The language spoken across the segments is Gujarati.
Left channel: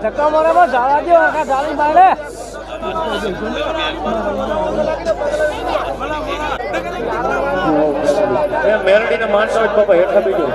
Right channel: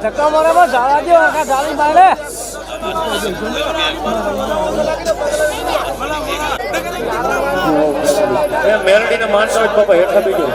ધક્કા મારે ઝાડા દો આખા ઝાડી મારે મેલડી ને માણસો બાપા હેઠા બીજો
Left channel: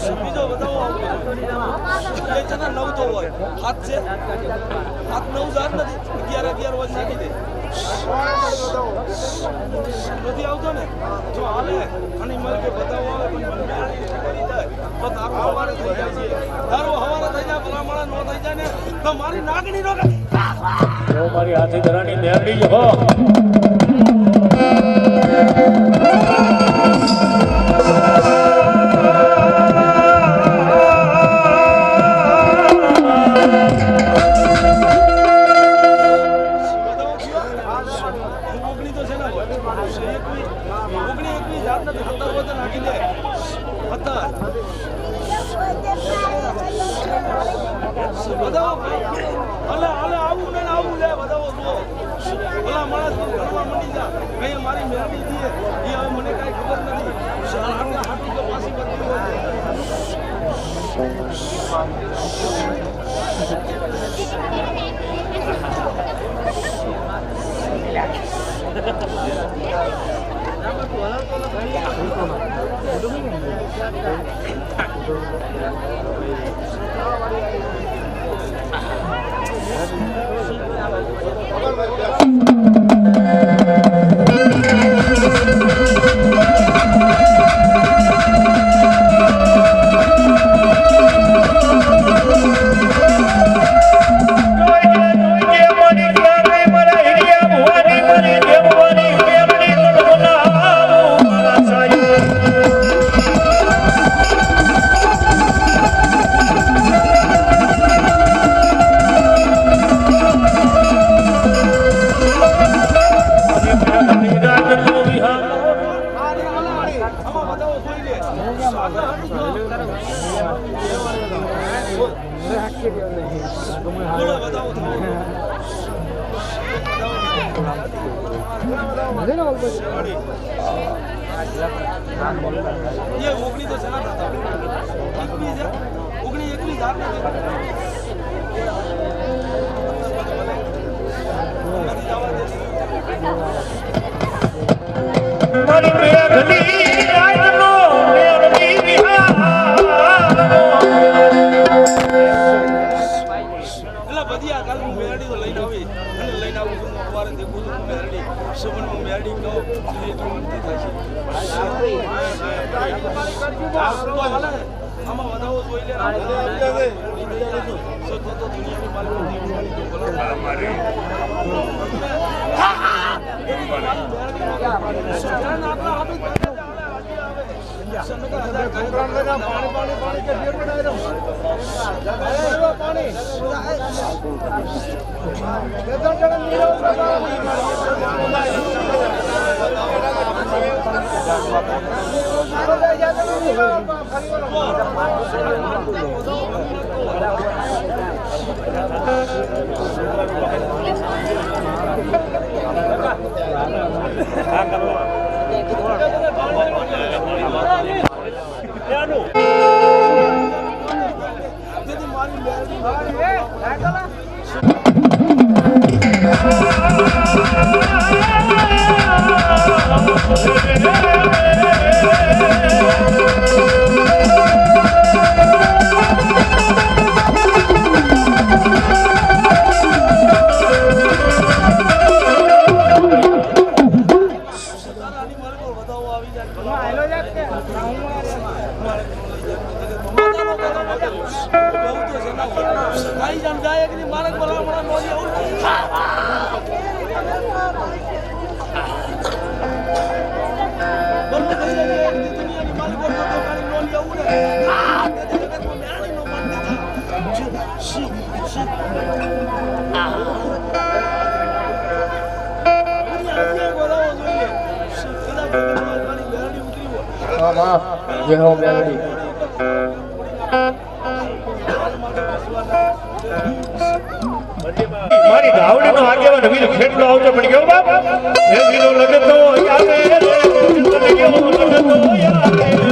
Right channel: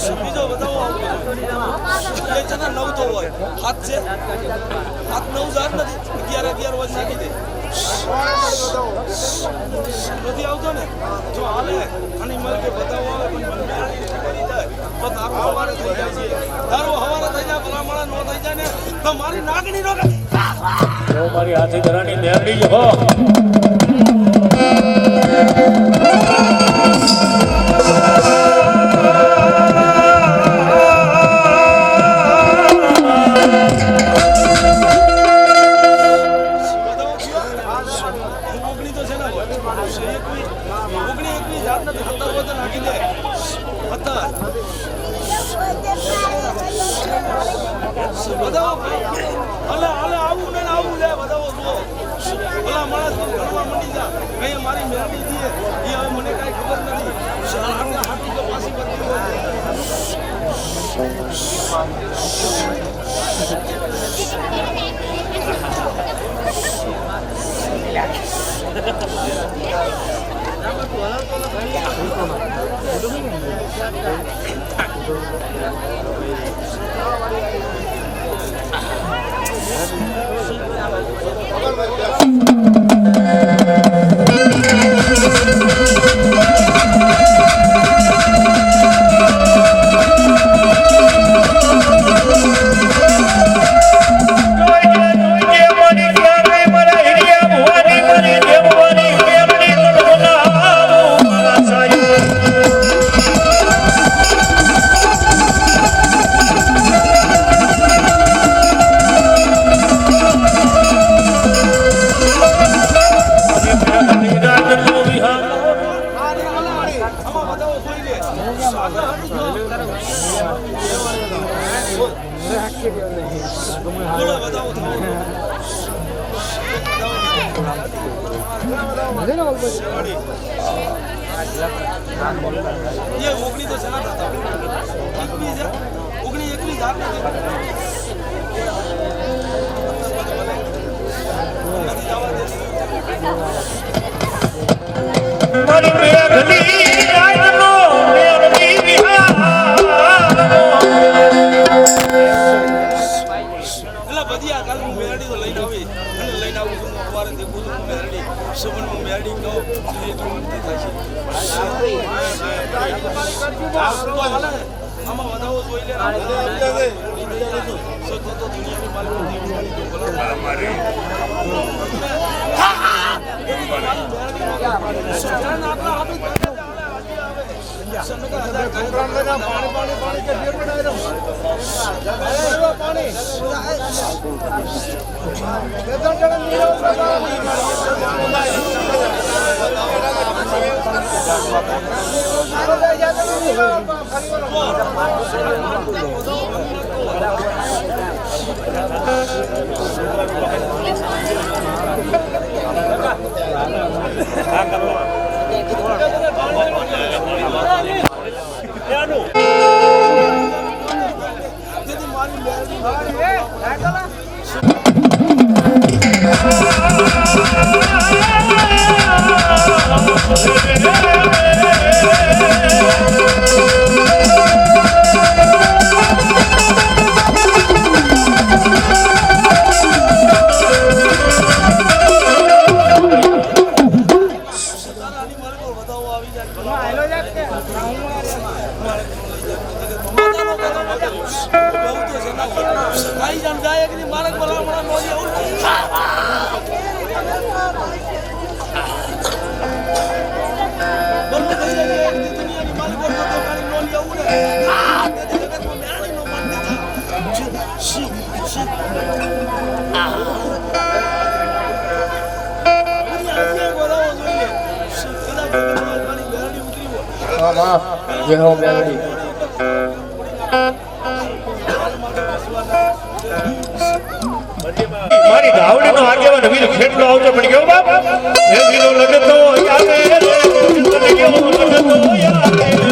બીજો બતાવો એ છે ને 9 તો હોય હાથ છે હાથ 9,000 નથી 11 વર્ષ નાખી દે નથી આવતો ને જો હાલે અને મને કે બતાવો આવે પણ મને કરી જાય તો તારો હવારે થઈ જાય છે તારો હવારે થઈ જાય ભલામણા નો થઈ જાય ને તો મારી નાગણી નો મારી હાથી ધરાની મેરડી હો મારી મેળવી દઈએ એ હવે મને કઈ ખબર નથી હાથી તો પાછી બદલી હોય ये ओगनी तो चला था 21 મારી મેઘલી રાજનો મેળવી એલા બધિયા કાલ હું મેરડી તો લઈને આવી અને લઈને આવું છું સવારે દેખું છું મેરડી સુમન હું મેરડી કહો એ જોતી થશે આમાં વધાવો જોઈ લે સો તો દુનિયાની માલિક મારી જે હો મેલડી મારી ધાવડીનો આગેવાન વીર ખેડલો આવતો પડી ગયો બાપ હે વીરો લગતો યાદે તને કેવો લગતો યાદે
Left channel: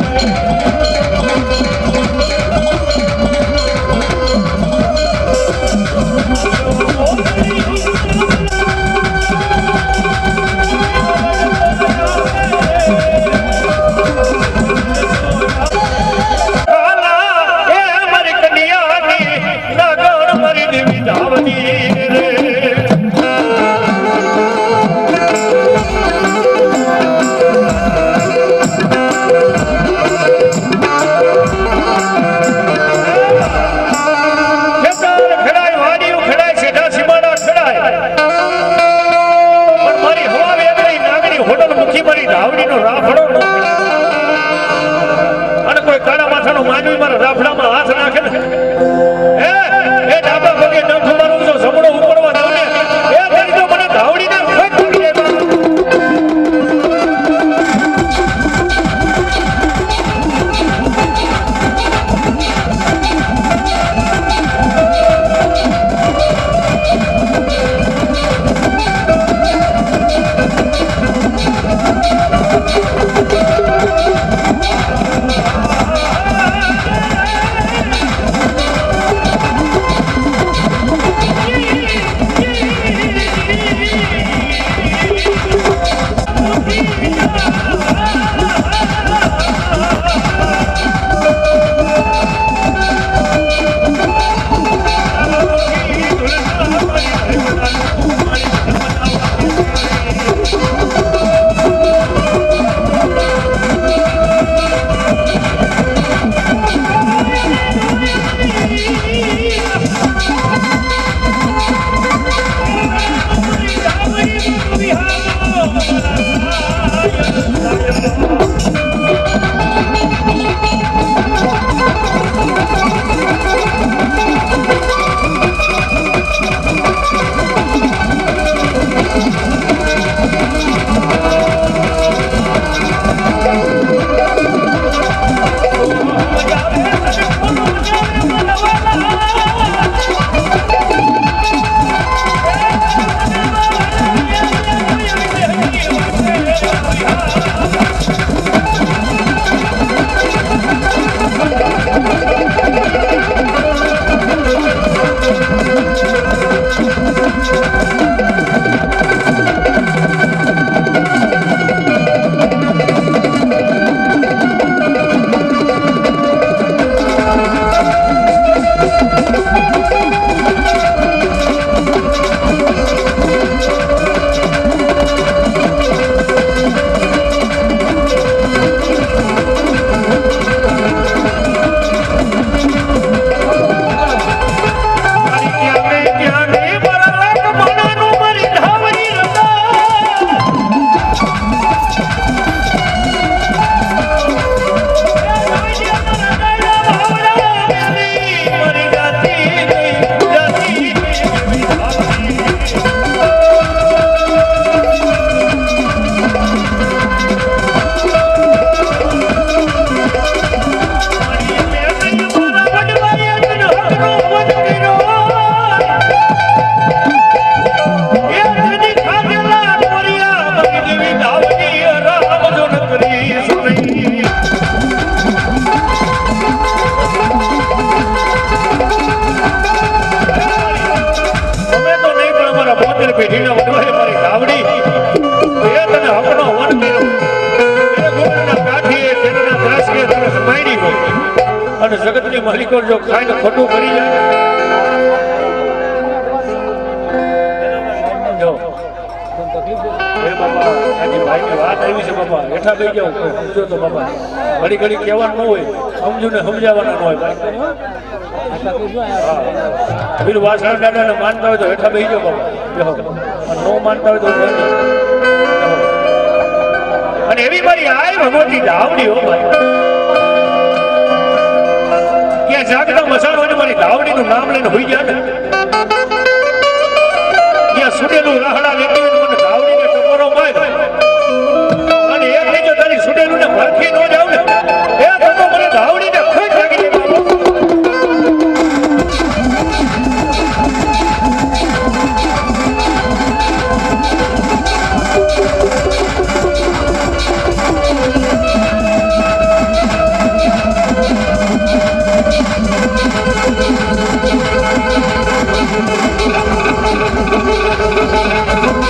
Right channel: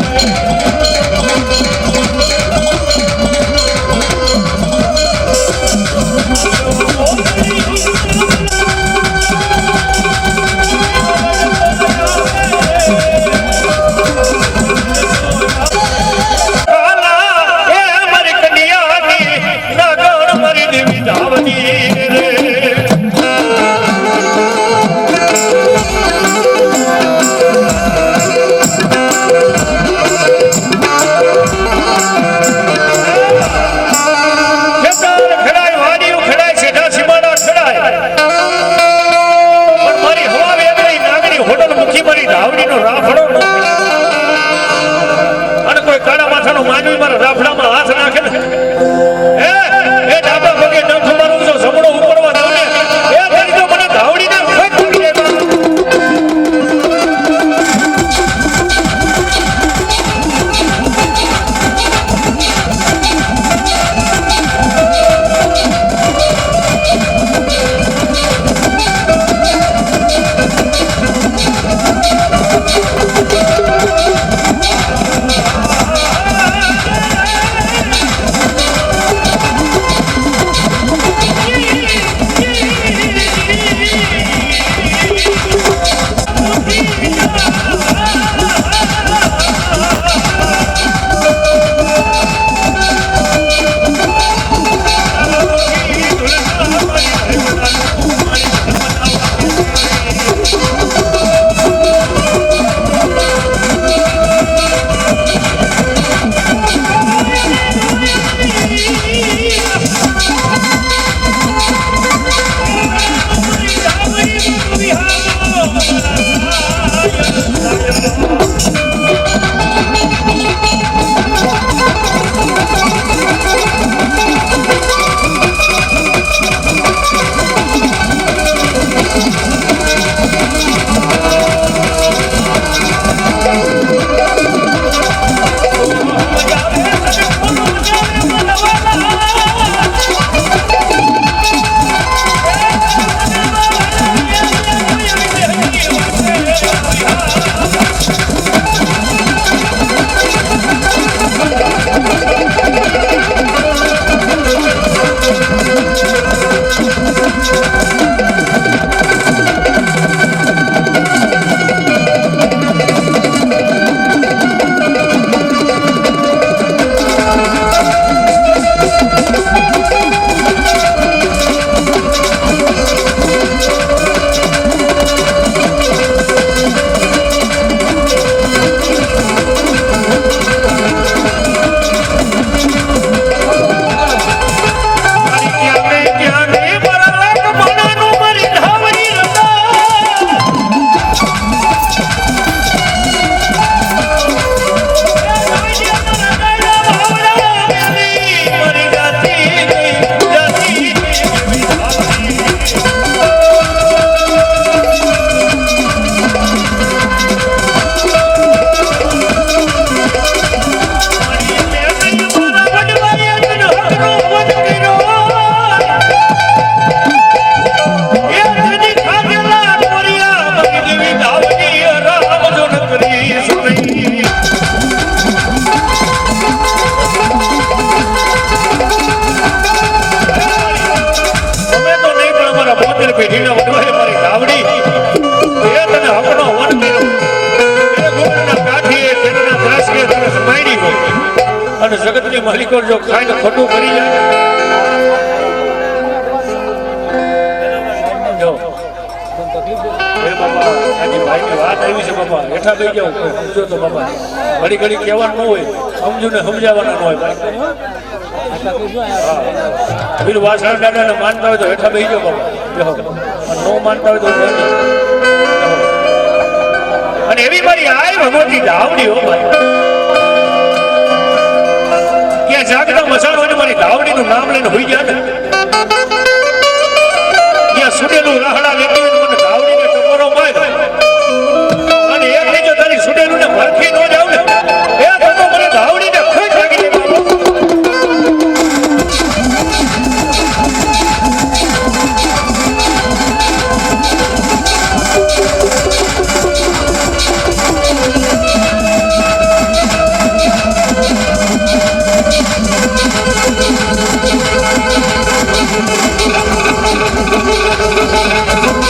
મારી ધાવડીનો રાફડો ન અને કોઈ કાળા માથાનો માનવી મારા રાફડામાં હાથ નાખે ને એ ડાબા પગે ન ખમારું જો સપડો ઉપરવા દો ને એ કરી તો મને ધાવડીને ફેંક કરી દે અને જગતની માલિકો જો ખાઈને ખોટું કરી જાય જો એ બાપા આજી ભાઈની વાત આવી છે બાપા હેઠા બેસી જાવ સમજો તો બાપા ઘડી ઘડી કહેવાનું ન હોય સમજુ ને સમજાવવાના ન હોય ભાઈ પેલું વાસણ દાદાને માનતા હોય તો હેઠા બેસી જાવ બાપા ન માનતા હોય તો અને એવી મારી આય ભગવતી ધાવડી હો ભાઈ જાગતા મસાણો મારી ધાવડીનું નામ લઈને હોઈ ગયા ને ત્યાં સુડેલું રાહડા લેતી મને ધાવડીને ટકોરો માર અને એક નહીં જો તારી સુડેલું ને ભરખી ન જાવ ને એ તો મને ધાવડીને ખેંચ લાગી દે Thank you.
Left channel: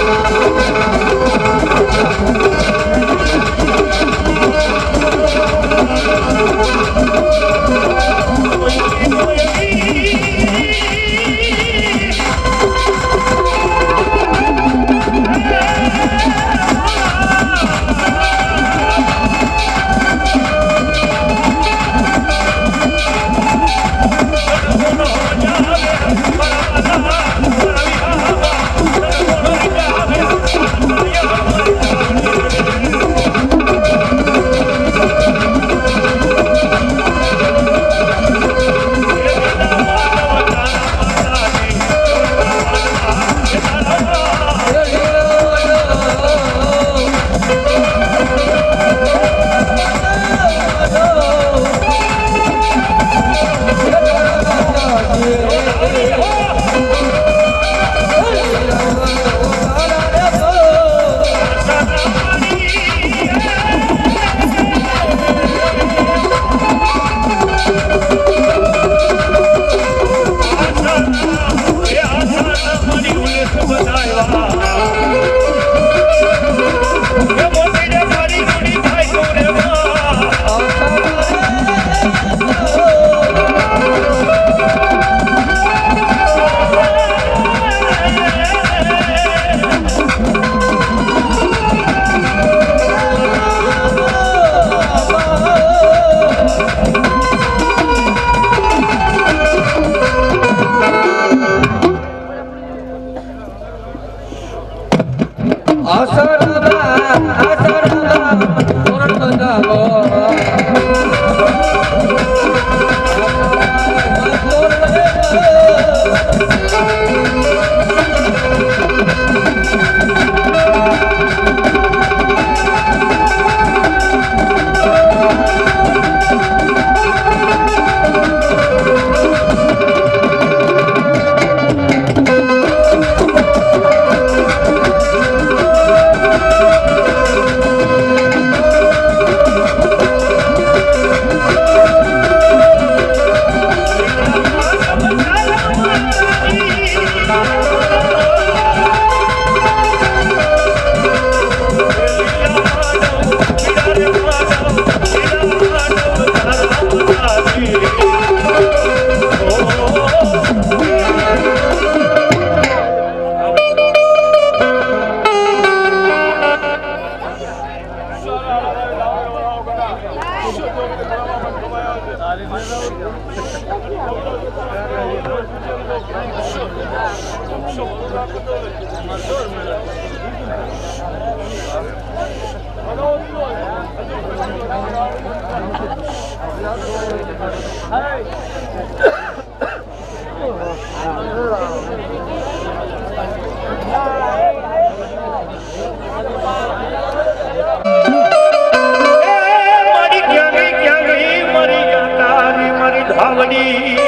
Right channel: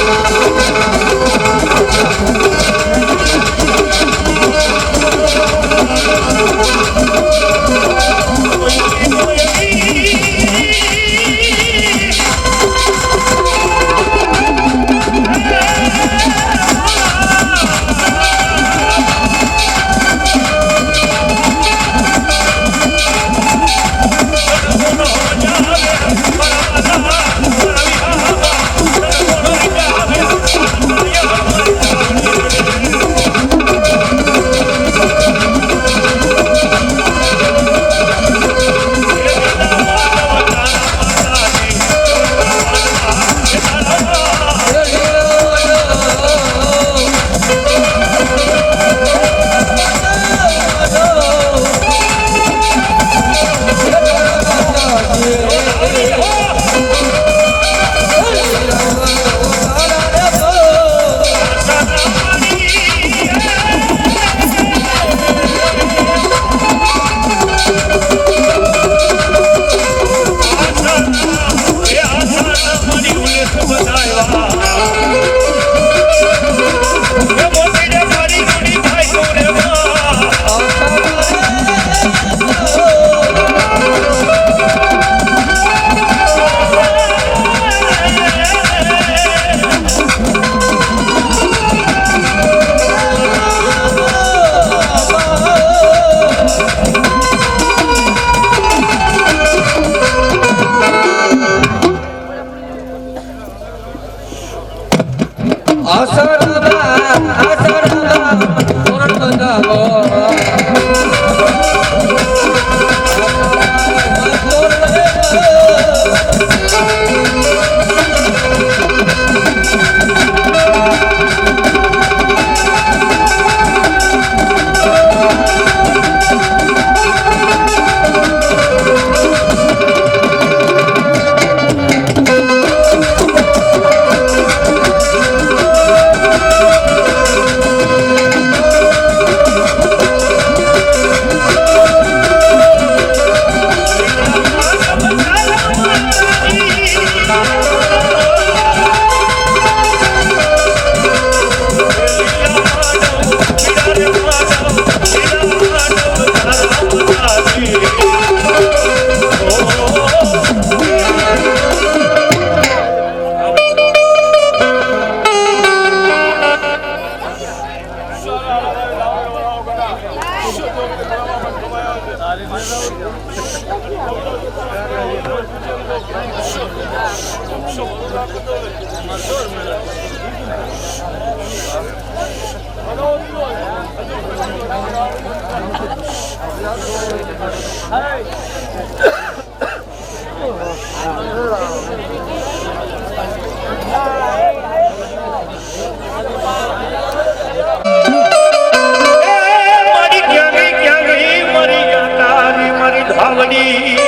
મારી ક્યાં ગઈ મારી યાતારી મારી ધાવડી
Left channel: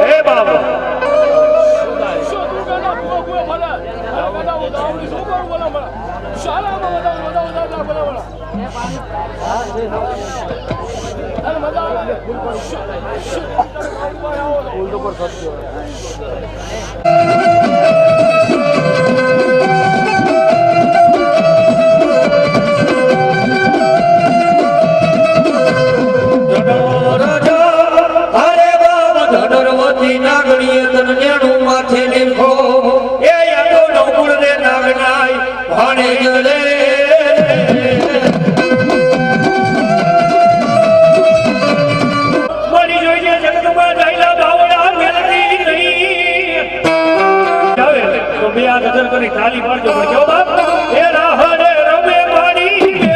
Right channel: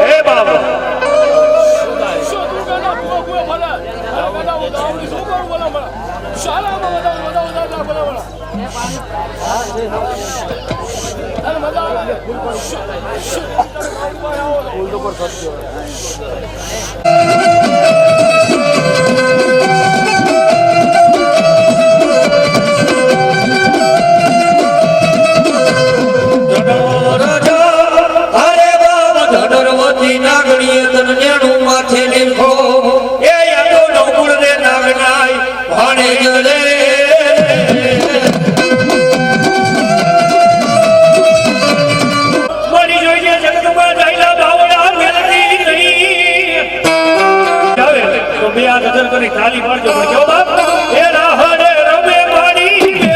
હે બાબા તાલી પાડજો પણ કેવો બાપ એ રાહડે રમે પાણી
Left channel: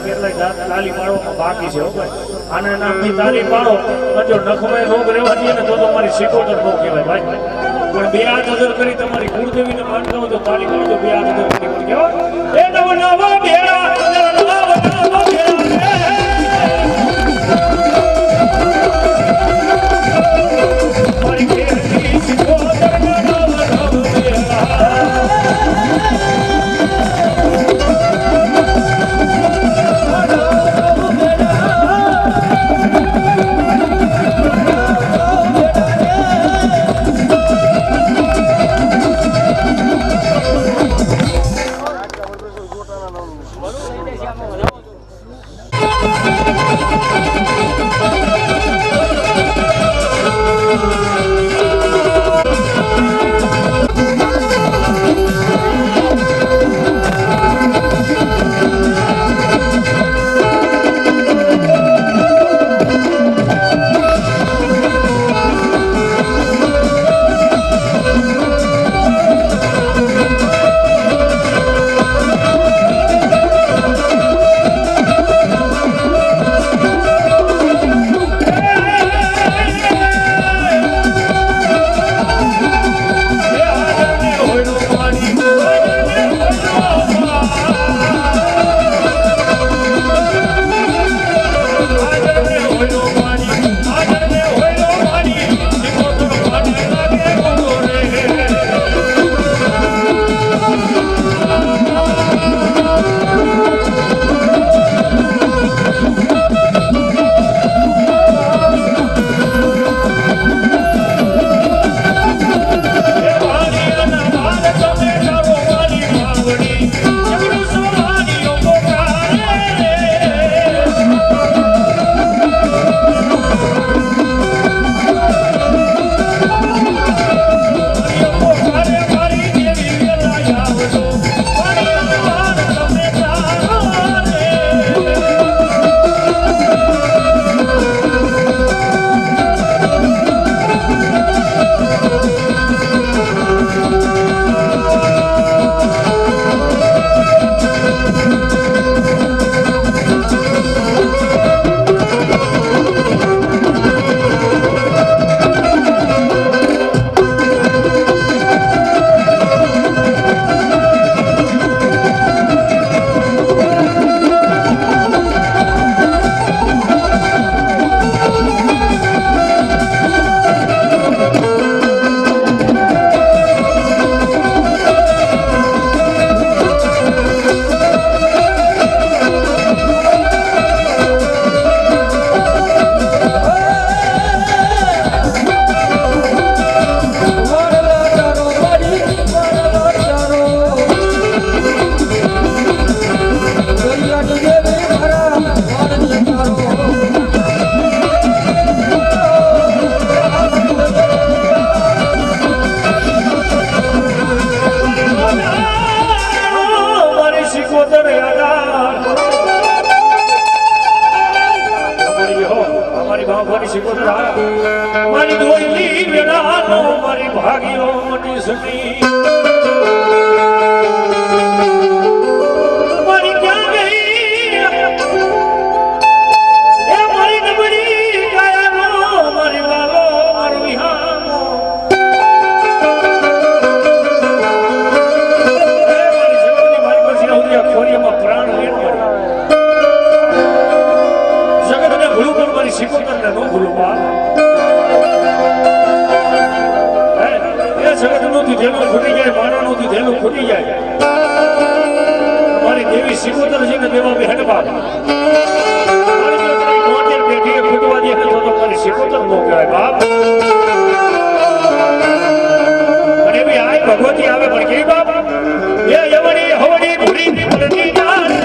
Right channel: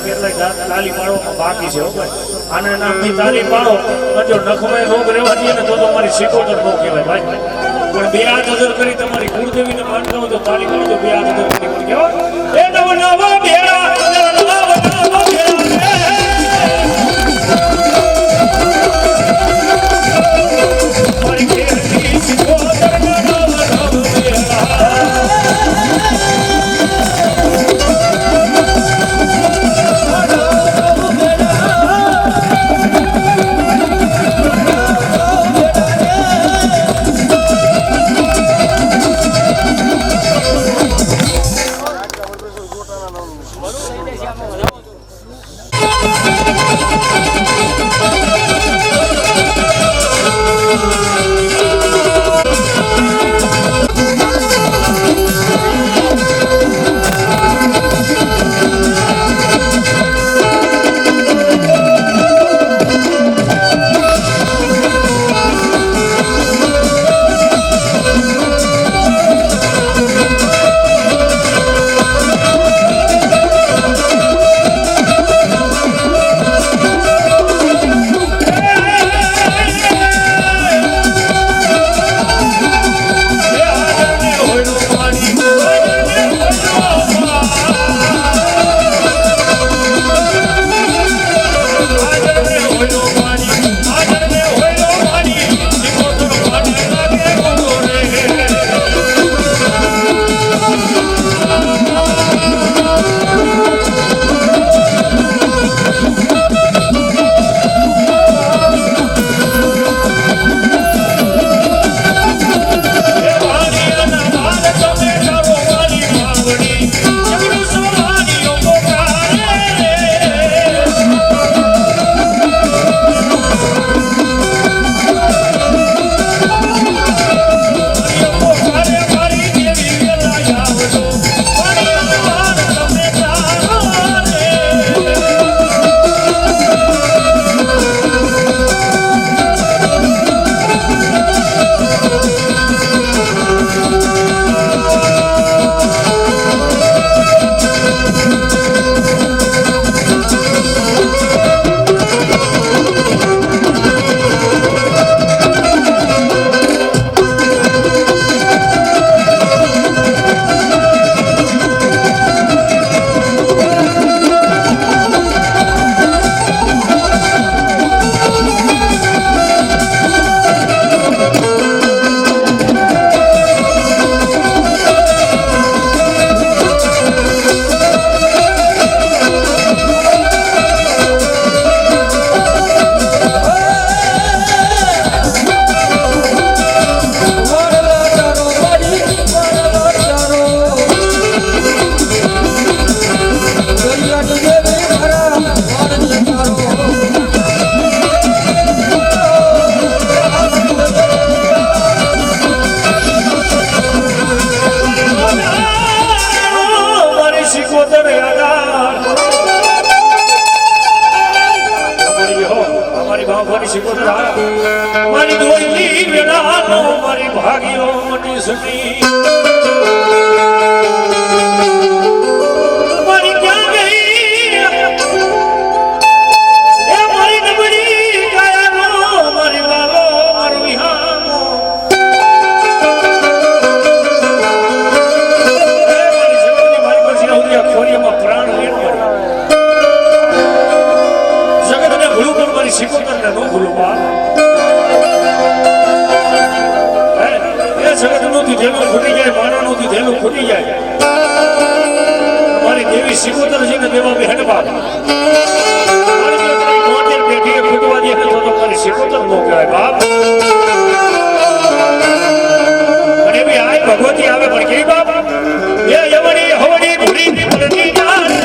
બેડા ને તાલી પાડવામાં બાકી છે આના નામની તાલી પાડો જો નખમાં રોગ રહેવા દઈએ ને તો મારી સિકોતર નો કહેવાય ભાઈ પણ બે હાથ હજર કરી તમારી કુળદેવીને માનતા હોય તો તાલી પાડો બે હાથ હજર કરી પણ કહેવાય એ નવ નવ બેડા શીખોતર મારી દોયલી વેળાનો મારી ભાગ્યો મટી સકી મારી ક્યાં ગઈ એ મારી નબળી કાયાનો મારી વાલો મારો વિહામો મારી પછી આવતી ખોરિયામાં પ્રાણ વેણ જગતને ભૂલું પણ મારી શીખોતરને ન ભૂલું બા જગતનું દીધેલું ખૂટી જાય માણાનું દીધેલું ખૂટી જાય મારી દેવી શીખોતર છે ને દેવા બેહન બાપ મારી જો તારી ગોંડેર બેઠીએ ખૂટવા દે તો મારી શીખોતર નો કહેવાય બાપ અને બી આય ભગવતી આવે પણ કેવી બાપ એ યમણી હવણી ભૂરી ભૂલતી જાણે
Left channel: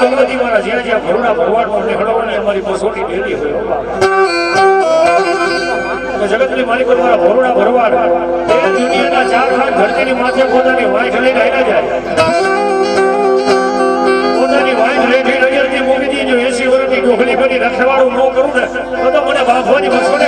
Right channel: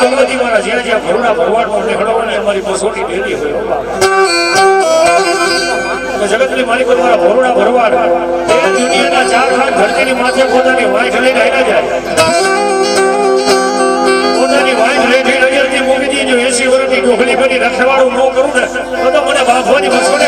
ભગવતી મારા જ્યાં જ્યાં ભરુડા ભરવાડમાં નીકળવાની અમારી બસોટી ડેલી હોય જગતની માલિકો મારા ભરુડા ભરવાડ એ દુનિયાના ચાર ખાન ધરતીની માથે પોતાની વાઈફ લઈને આવ્યા જાય પોતાની વાઈફ લઈને નજરથી મૂકી દીધી. જો 80 વર્ષની ડોકલી બની રખવાડું ન કરું ને તો મને બાફવાની મસોડે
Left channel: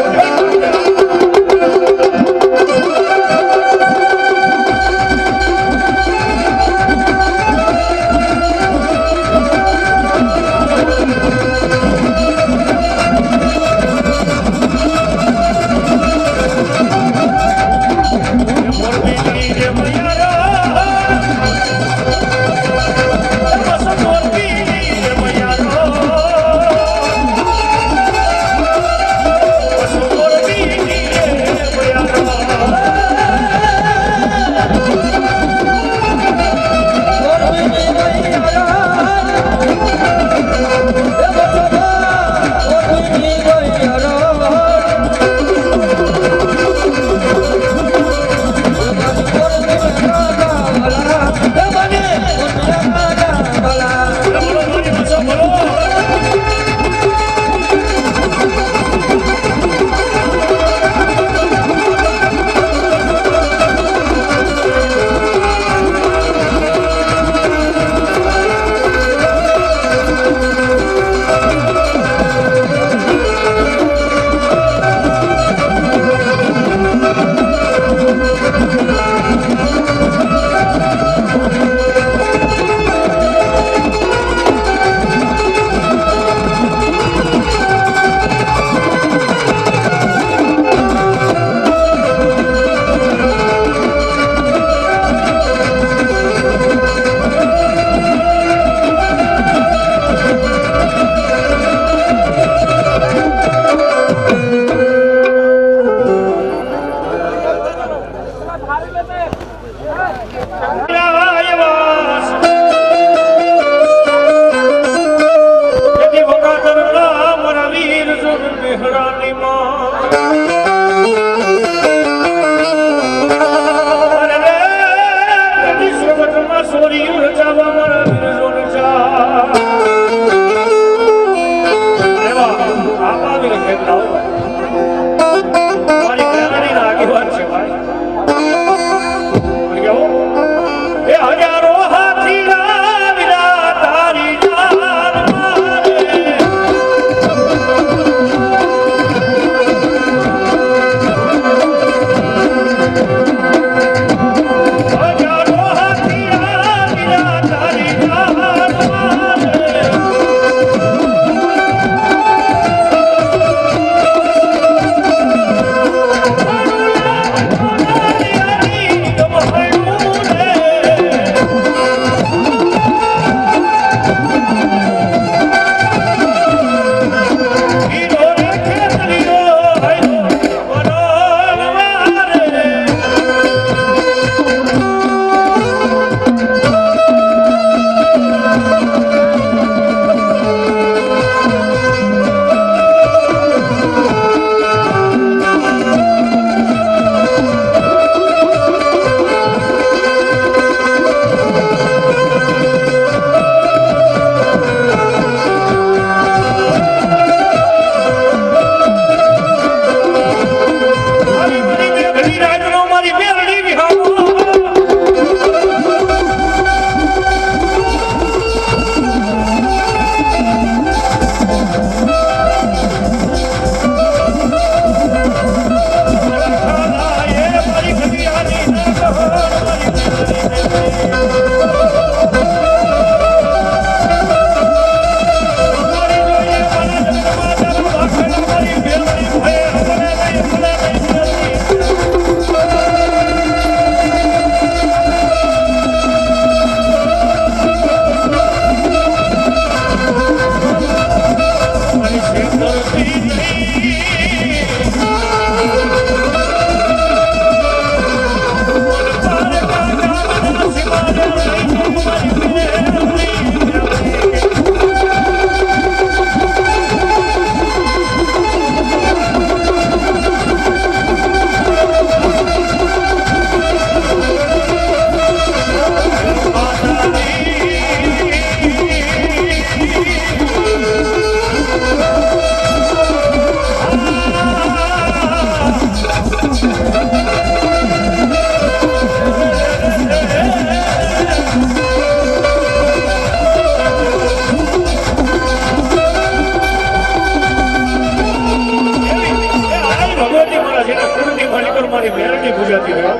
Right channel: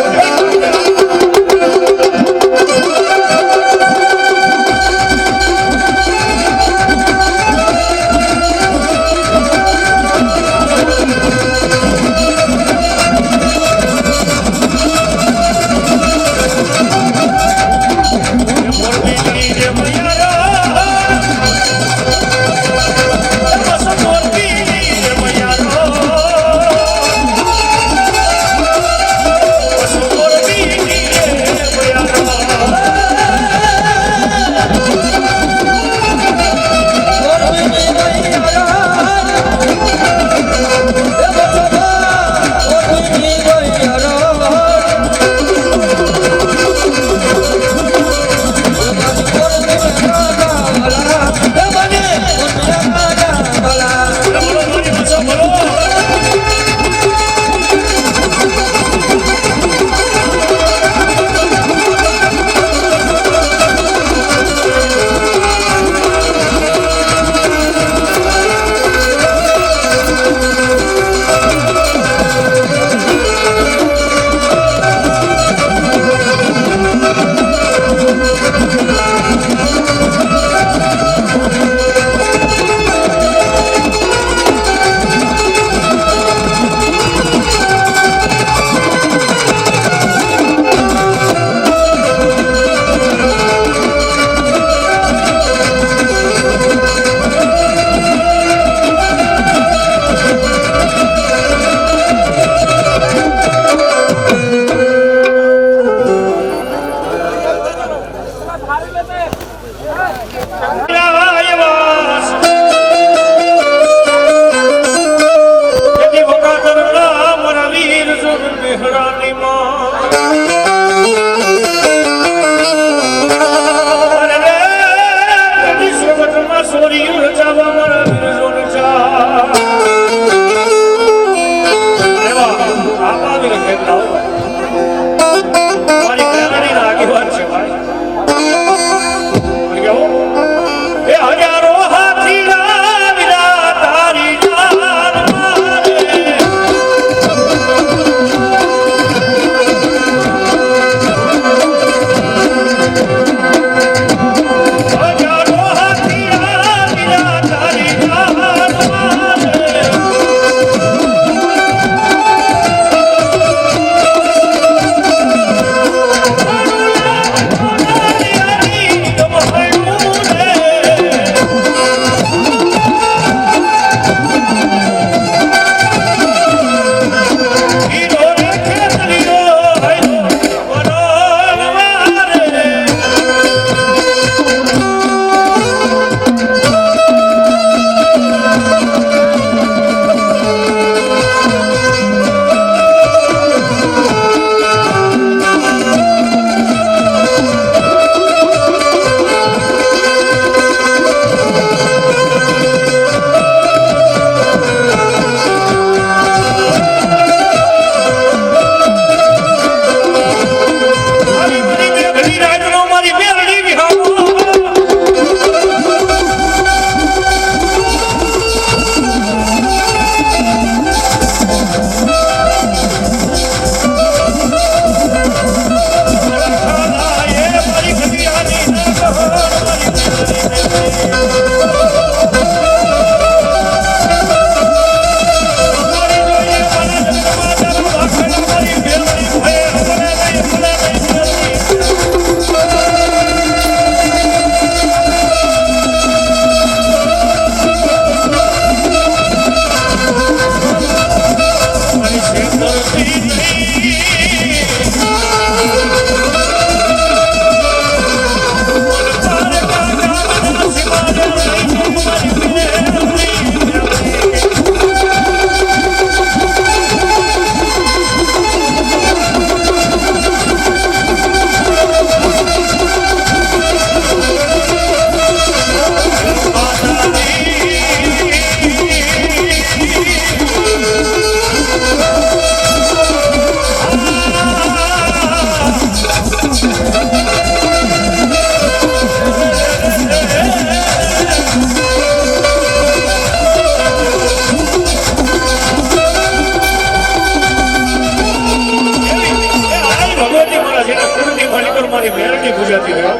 પૂજાતી રહ્યો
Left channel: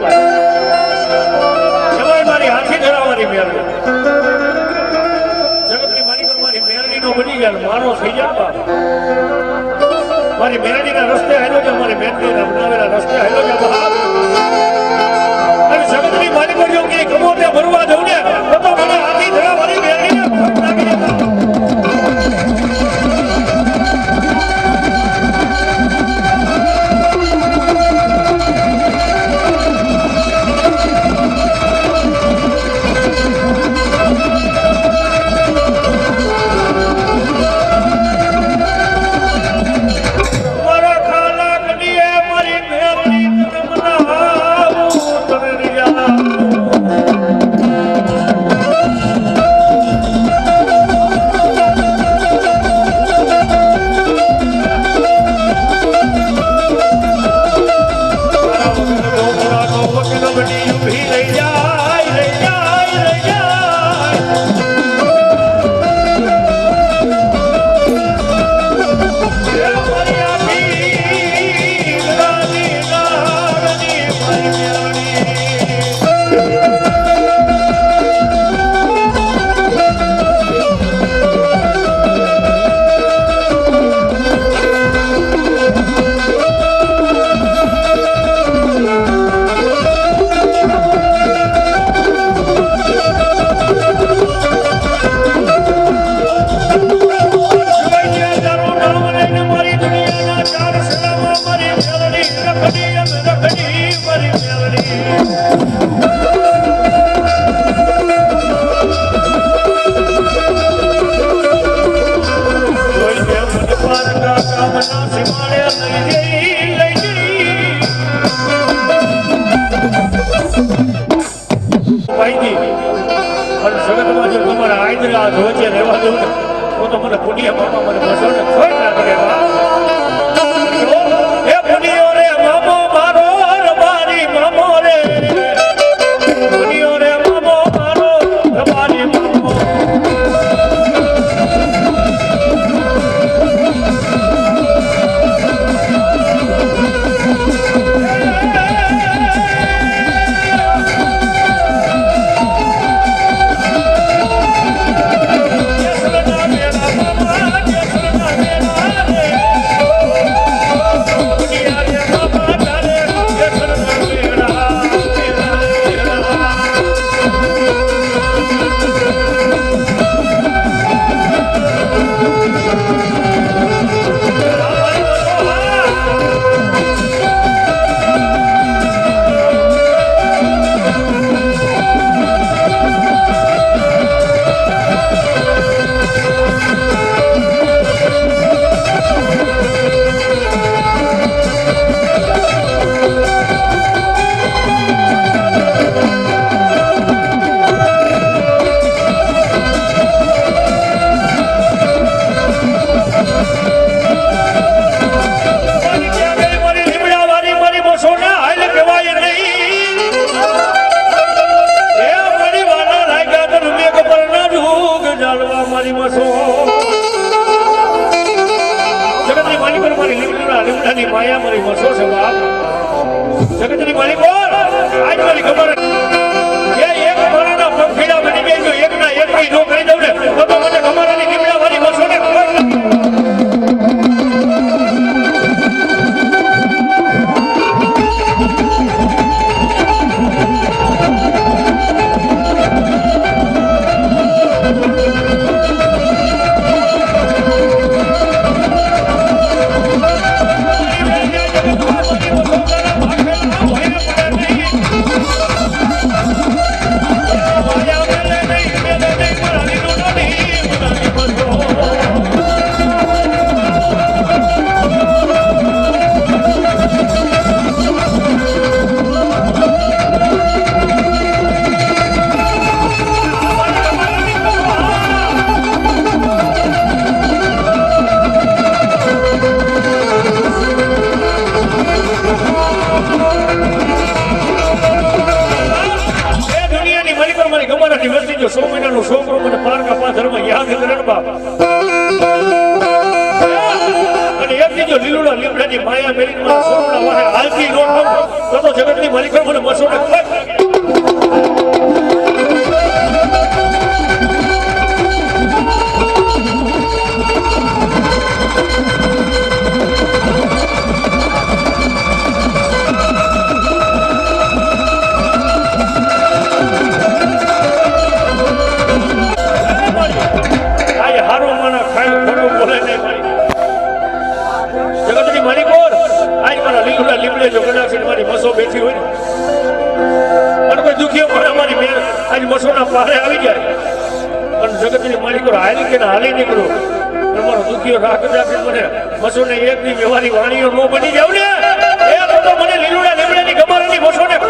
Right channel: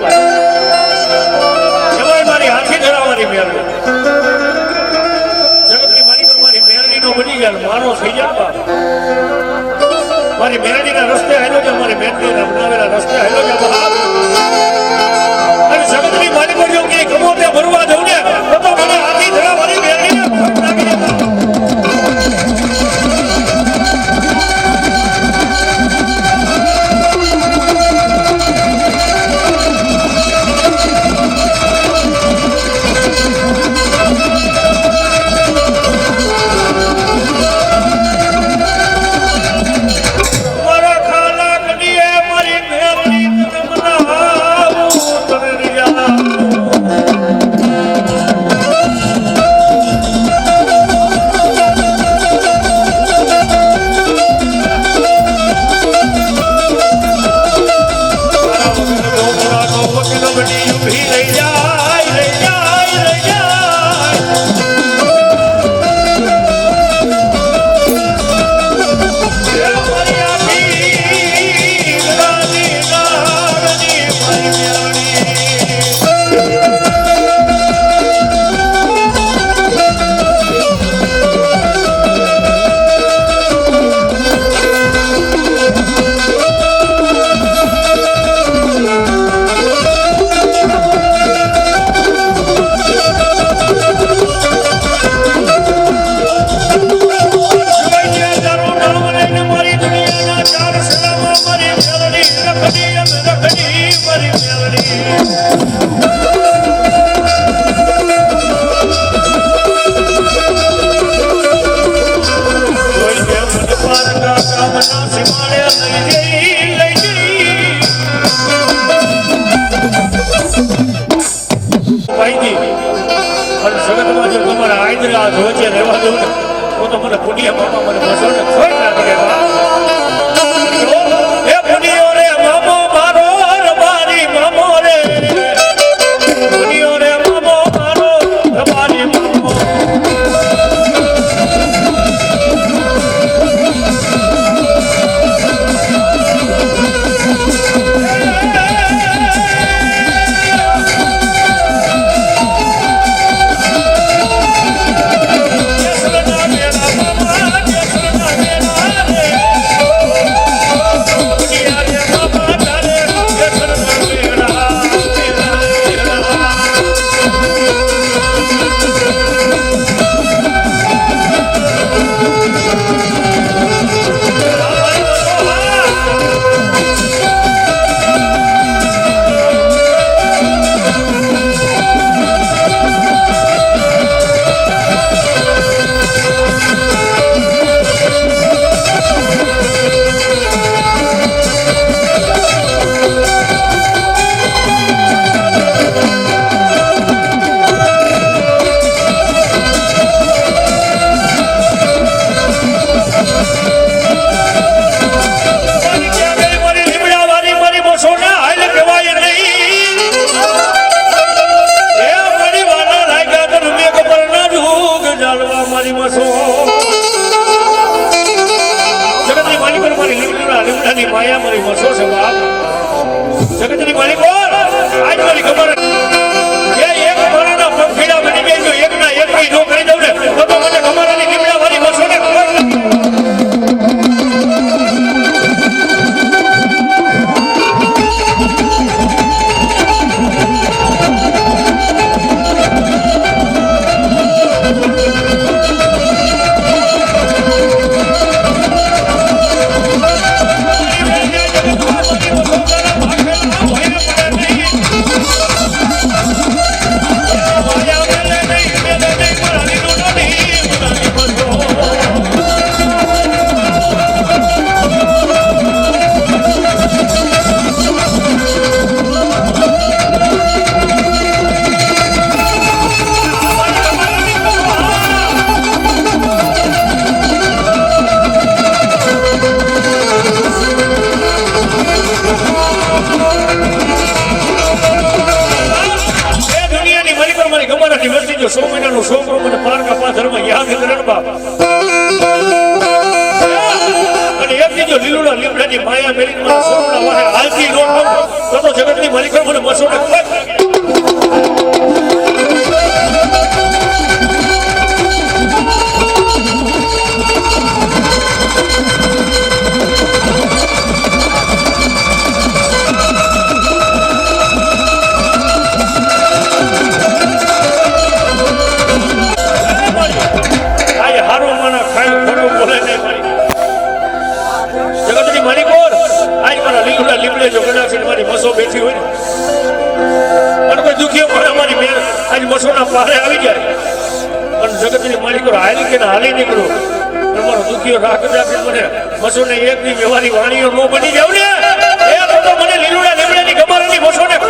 એમાંય મારી હાથી ધરાવવાની મેળવી જગતની મારી પર મારી મેળવીનો બની ગયા મારો થઈ જાય મારી મેળવીના રસ્તે હેલો છે મારી મેળવીના બનાવેલા રસ્તે હેલો છે અને જગતની મારી પર જો કે ગમો ત્યાં ભરવા જવું ને તો મને હાથી ધરાવવાની મેળવીને નાખી દેતા જગતની માલિક આજ મારી ખબર એક મારાના પંખીડા બની ગઈ એકના એક જો કરી દઉં ને તો મને ખબર લીમડા મારી વર્ષો ને ખબર માયા મેરી સોના હાલતી તો જગતની માલિકો મને મસો ને બેઠી હોય અને કોઈ દુખીઓ પણ અમારી મેં આજ મસોના પારે આવી જાય અને જગતની માલિકો હાલી કે હાલી નીકળો તમારો દુખીઓ રાખ રાખે મને મસોને એકની વ્યવહારી વાણીઓ ન બની જાવ ને એ તો મને લીલુડા લીમડાની ગમારાની મસોને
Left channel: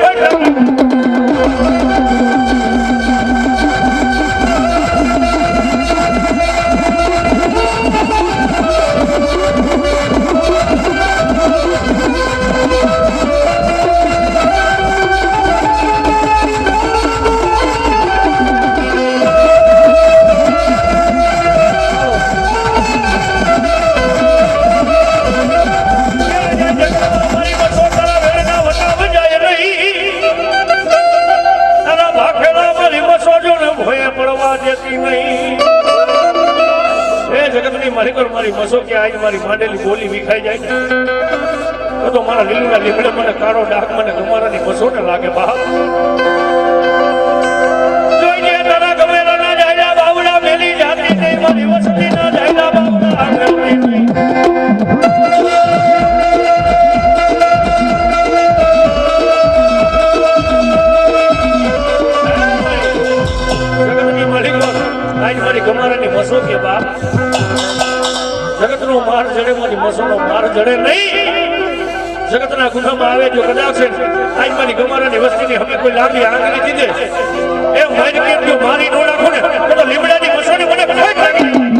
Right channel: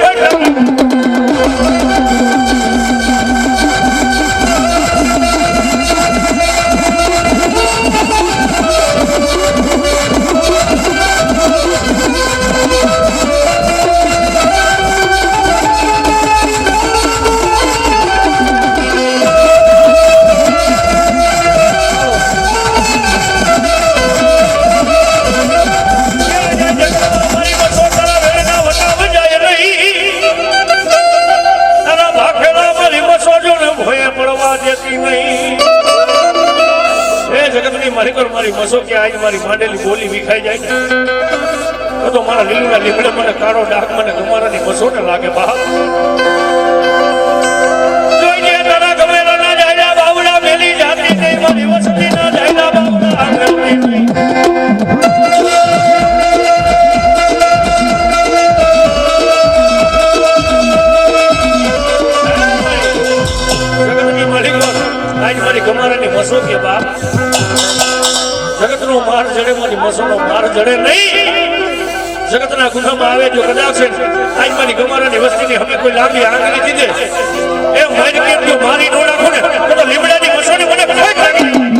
મારી મસો કે આજ મારી માંડેલી બોલી વિખાઈ જાય તો મારા લીલુડા લીમડે મને કાળો ડાક મને ગમારાની મસો ને લાગે બા જોઈને તારા ગમેલા ના જાય બાવડા મેલી જાતી નહીં મારી વસતી ના જાય બાવડા આગળ નહીં જગતની માલિકો આજ મારી ગમારાની મસો કે બા જગતનો માર જડે મારી મસોનો માર જડે નહીં જગતના ગુનામાં આવે જો કદાચ આજ મારી ગમારાની વસ્તીની હવે કોઈ લાંબી આંગળી દીધે એ મારી કેમ જો મારી નો રાખો ને તો લીમડાની મસોની મને કોઈ લાગી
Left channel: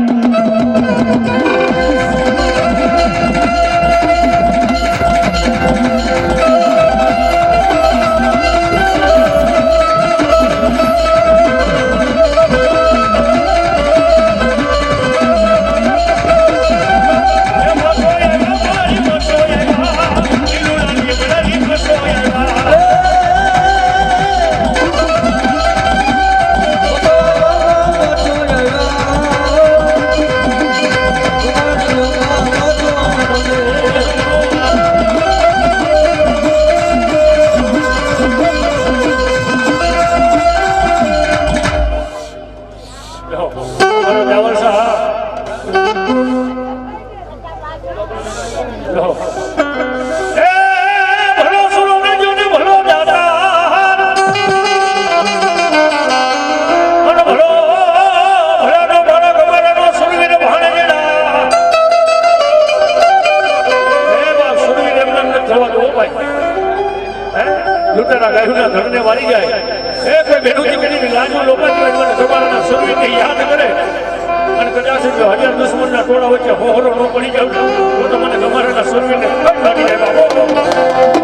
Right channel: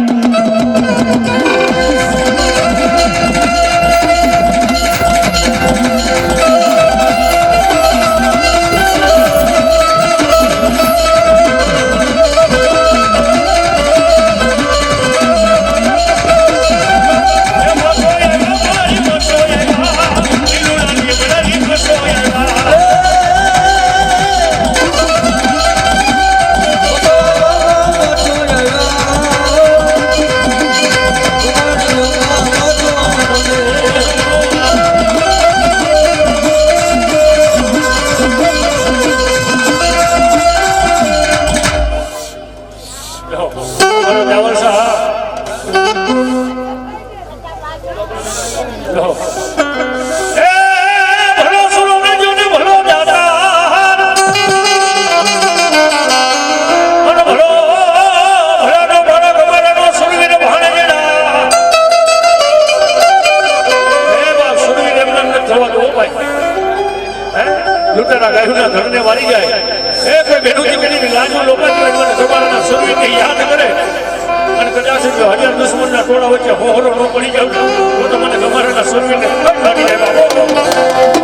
લૂંટારા ગાયુના ધરને વાળી જાય એક બેનુજી કરીને લાજો લોપાટી મને તમારા શરીરને યાદ કરે અને કદાચ જો હજાર દુશ્મનના ટોળા વચ્ચે હોહરો ન પડી જાવ તો મને તમારા શરીરને લાગી જાય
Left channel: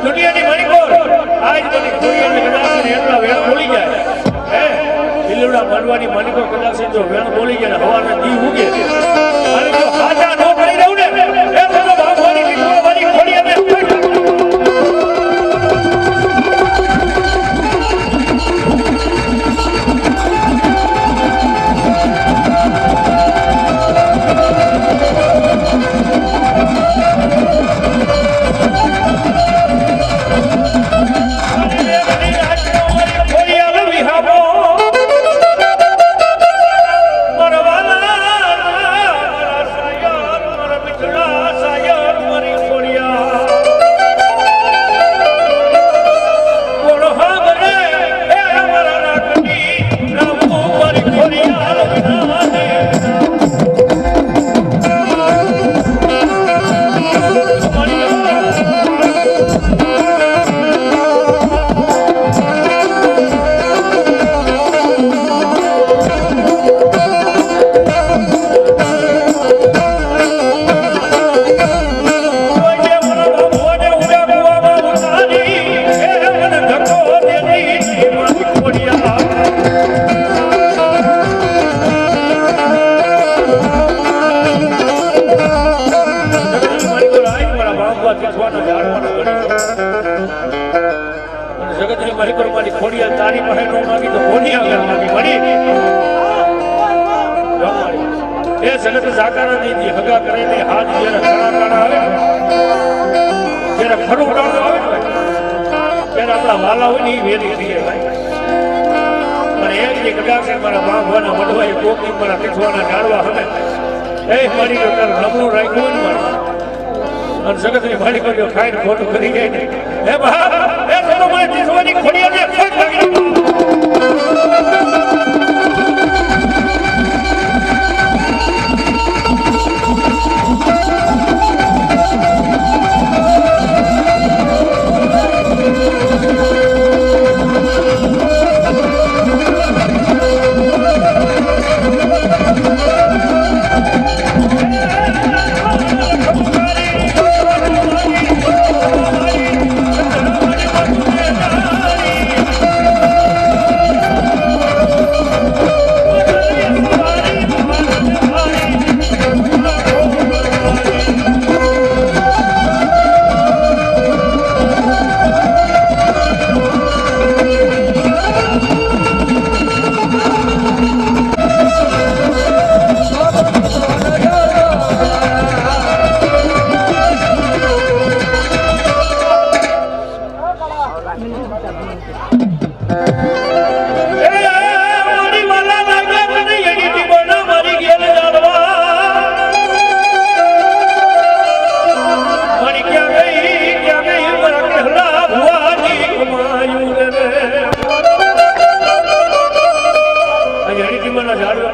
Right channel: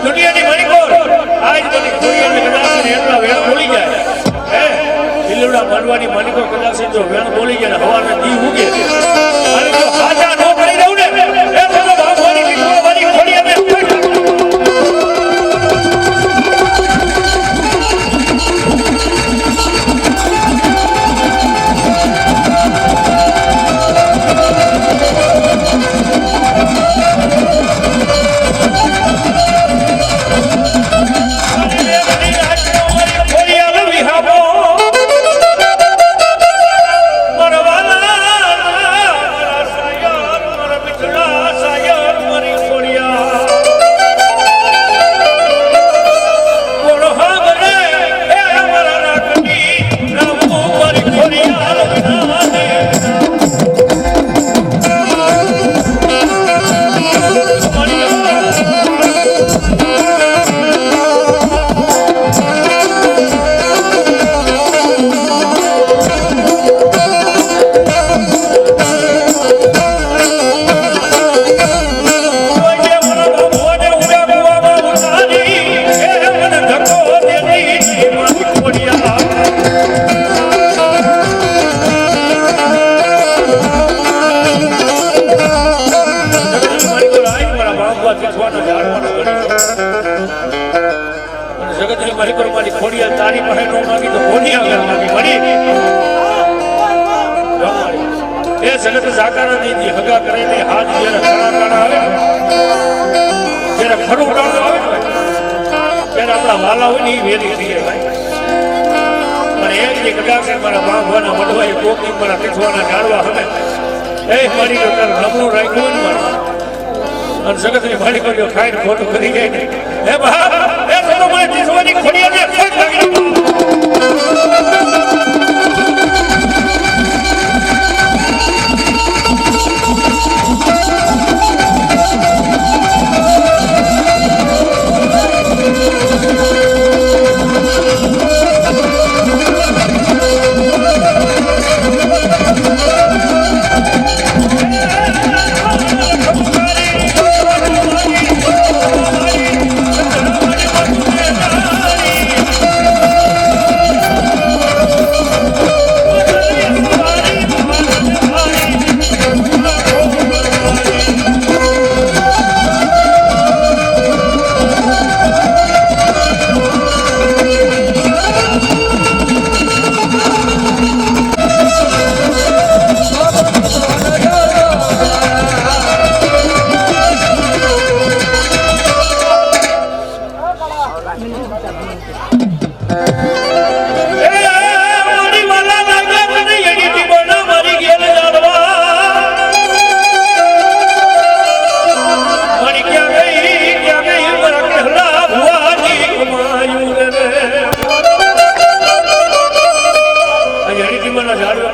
દુનિયાની માલિકો આજ બધી દુનિયાની કદાચ એટલા વેણ બોલી જાય લીલુડા માનવાની માલિકો કદાચ જો વેણ બોલી જાય હવાને દી ઉગે અને જો હાજા ન પડી રહું ને એ તો બાપવાની દીકરાવાની ખોડી અમે મારી કરો મારી ખોડિયા તારી પાસે નો માગી તો ખોડિયા આગળ માગી મળી એ જગત જાકારા નહીં દી હગા કરે ને હાથ જ્યારે કાણા કાણા આવે જ્યારે ખરું કાણું આવે ને ત્યારે આપણા વાલા હોય ને એ વેરી થઈ જાય ભાઈ અને એક જે કદાચ મારા બાંધવાના વડવાએ કોકની મારા પીઠવાના જાળવા હવે એ મારી જો તાર નબળું રાખ્યું ને મારે અને જગતની મારી કર્યો ખાઈને ખોટું કરી જાય ને હે બા એ ચલો મને પીઠવાની ખોડિયાને ખોટ લાગી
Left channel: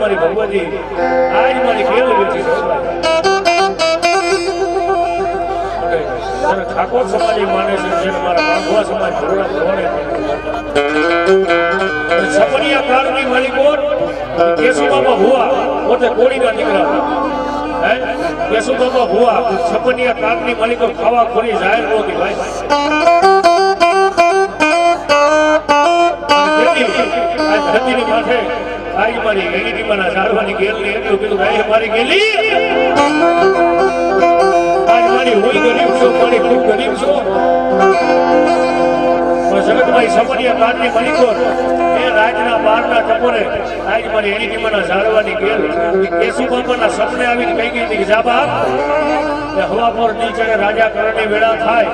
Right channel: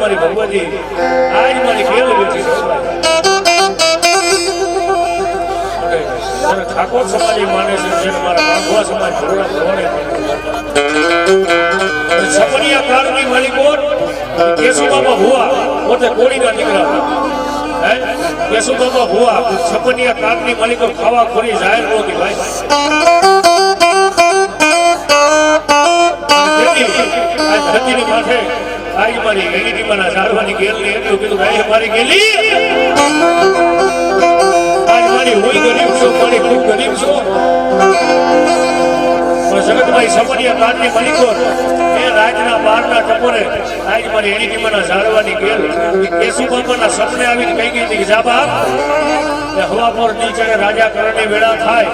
મારી ભગવતી આજ મારી ખેલ બેઠી ઠાકોર સમાજ માને છે જેને મારા બાંધવા સમાજ છપનિયા કાળની માલિકો કેશુબાબા ભુવા પોતે કોળીના દીકરા હતા કેશુબાબા ભુવા છપનિયા કાળની માલિકો ખાવા ખોરી જાહેર નહોતી ભાઈ ધરતીની માથે આજ મારી ગેલી મારા ઝાડવાની ગેલની એટલું કીધું ભાઈ મારી ગેલી આજ મારી હોય ગરીબ છો મારી ખૂબ ગરીબ છો જગતભાઈ સપનિયા કાળની માલિકો એ રાજના બહારના ટપોરે આજ મારી એણીટીમાના ઝાડવાની ગેલ કેશુબાબાના સપને આવીને કહી ગઈ હતી કે જા બાપ હવા પર નીચે રાજા કરણની વેળા થાય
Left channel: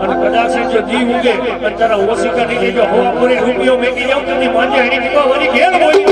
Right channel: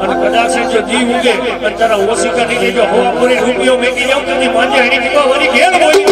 અને કદાચ જો દી ઉગે અને તારા ઓશિકા ની જો હવા પૂરી રૂપિયો મેકી જાવ તો માન્ય હેડી દીપા વળી ઘેર હોય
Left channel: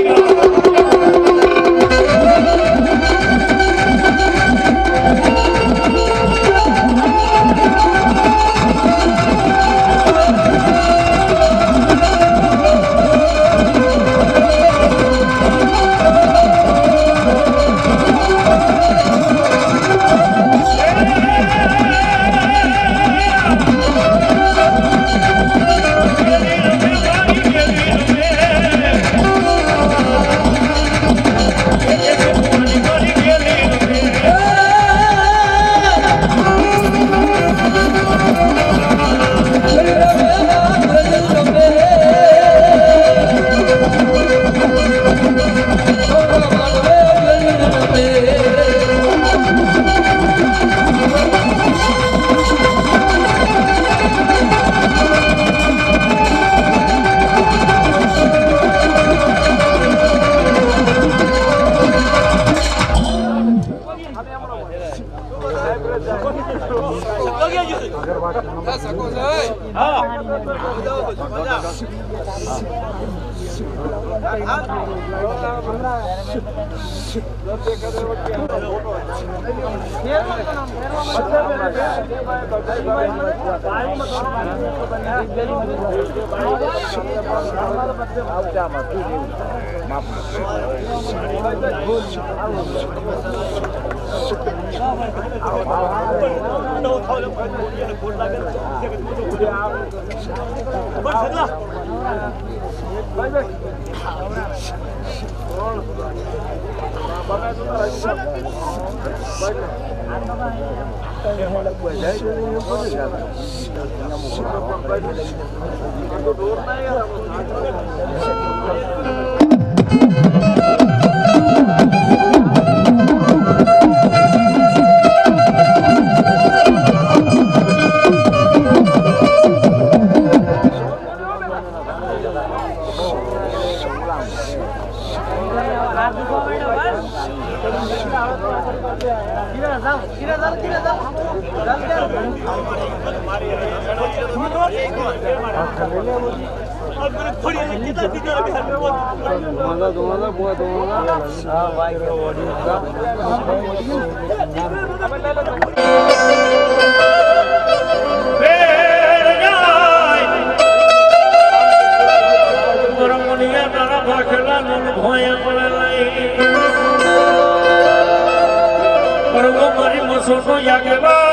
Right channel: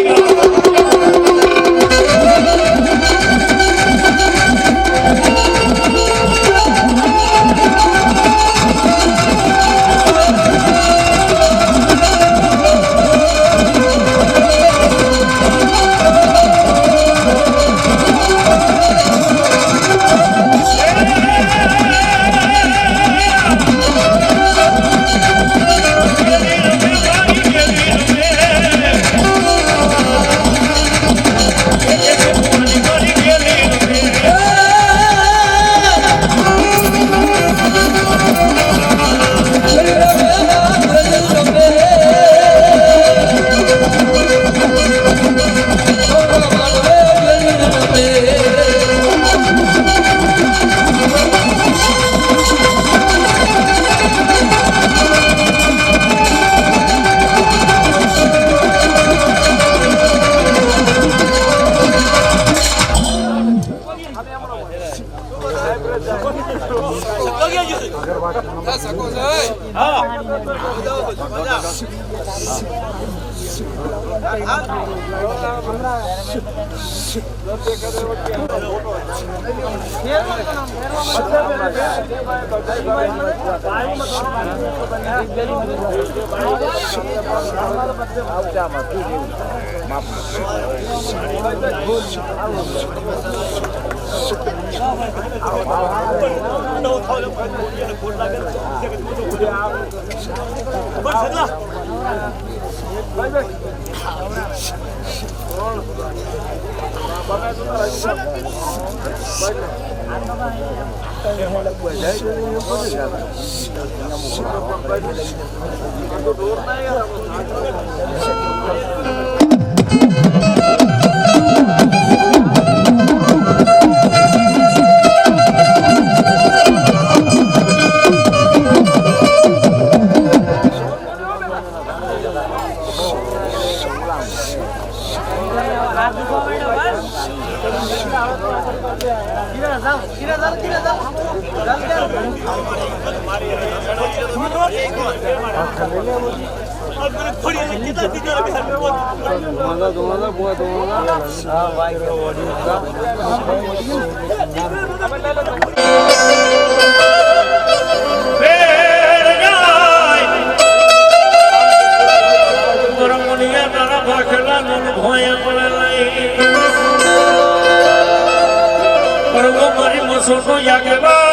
મારી મસોનો યાગેવા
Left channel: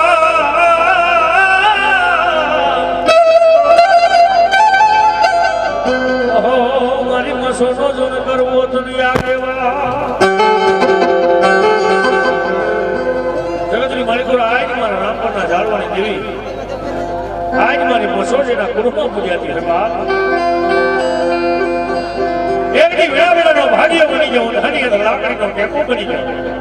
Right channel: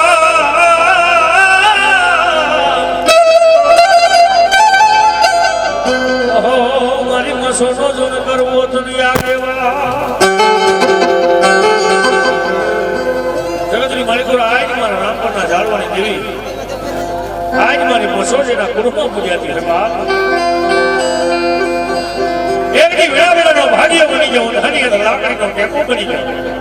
મારી મસોનો જો કરવો તો યાગેવા જગતની માલિકો આજ મારા રામપરના જાળવાની દેવી આજ મારી મસો જેના કુટુંબમાં પૂજાતી છે બાપ એકની વેળાનો ભાગ્ય બની જાઉં હની લાકડીનો ટેકો બની જાઉં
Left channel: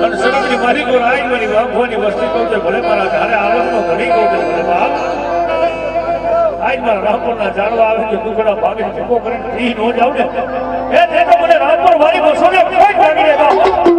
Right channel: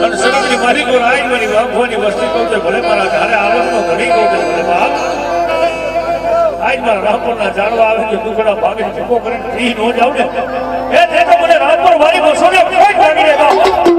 અને સગતની મારી કોઈ આજ મારી વાંખવાની વસ્તી કહું છે ભલે મારા ઘરે આવકનો ઘણી કહું છે ભલે બાપ આજ મારા રામપરના જાળવા આવે છે દુખડા ભાગે ટીકો કરીને ફ્રી ન જાઉં ને એ દેખો મને રામપર મારી મસોને કોઈ ભાગી દે બાપ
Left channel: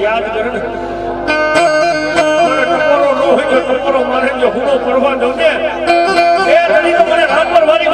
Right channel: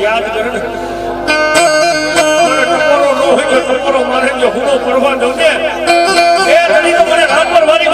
યાદ કરે ને ટકોરો નો હોય તો ટકોરો મારે જો હુનો પડવા દઉં ને એ ઘડી તો મને રાત પર મારી